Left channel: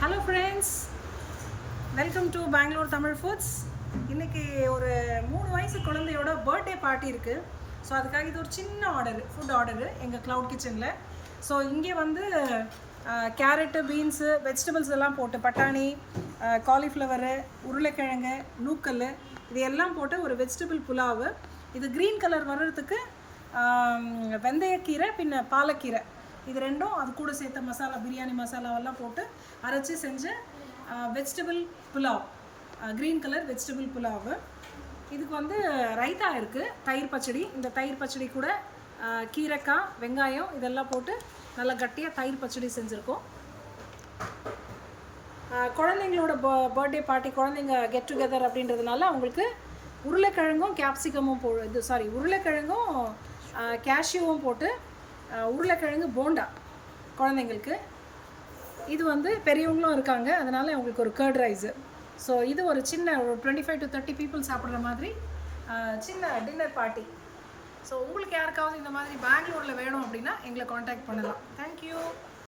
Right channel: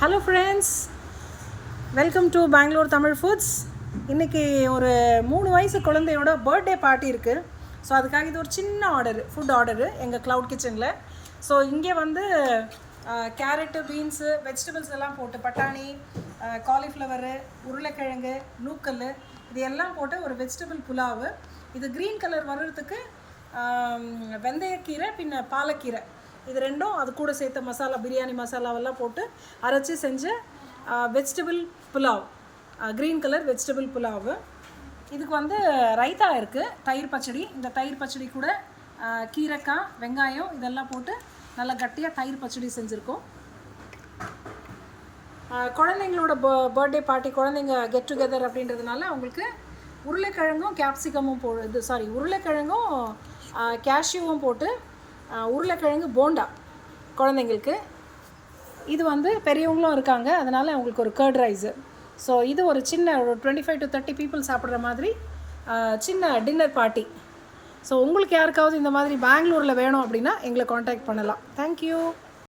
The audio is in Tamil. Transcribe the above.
Hello friends, welcome to Bangalore Tamil foods. இன்றைக்கி ஒரு 3 வயசு குழந்தையோட பர்த்டே பார்ட்டி இருக்குது. ஸோ அதுக்காக இது ஒரு சின்ன ஃபுட் ஆர்டரு எங்கள் க்ளவுட் கிச்சனில். ஸோ இங்கே வந்து கேரட்டு, பீன்ஸு, வெஜிடபிள்ஸ் எல்லாம் போட்டு பட்டாணி, காலிஃப்ளவரு, உருளைக்கிழங்கு, நூக்கல் இது எல்லாம் போட்டு ஒரு வெஜிடபிள் புலாவு. இது க்ரீன் கலர் வர்றதுக்கு வெந்தயக்கீரை பின்ன பாலக்கீரை இது ரெண்டும் அது கூட சேர்த்த மசாலா, பிரியாணி மசாலாவெல்லாம் போட்டு அரைச்சி செஞ்ச vegetable pulao, green colour vegetable pulao. இதுக்கு வந்து ரைத்தா இருக்குது, தயிர் பச்சடி. இந்த தயிர் பச்சடி கூட கீரைக்காய், வெங்காயம் இதெல்லாம் போட்டு நல்லா கட்டியாக தயிர் பச்சடி செஞ்சுருக்கோம். குழந்தைங்களோட பர்த்டே பார்ட்டி, குழந்தைங்க கெட் டுகெதர் அப்படின்றதுனால அவங்களுக்கு உருளைக்கிழங்கும் கேப்சிகமும் உருளைக்கிழங்கும் கேஷ்யூவும் போட்டு உருளைக்கிழங்கு போண்டா குழந்தைங்களுக்கு. இது வந்து பெரியவங்களும் இருக்காங்க, அதனால் அவங்களுக்கு ஒரு கர்ட் ரைஸு. ஸோ இது ஒரு சின்ன ஒரு 25 to 30 பீப்புள் சாப்பிட்ற மாதிரி சின்ன டின்னர் பார்ட்டி. ஸோ உங்களுக்கு யாருக்காவது இந்த மாதிரி பெங்களூரில் வேணும் அப்படின்னா எங்களை காண்டாக்ட் பண்ணலாம். தேங்க்யூ.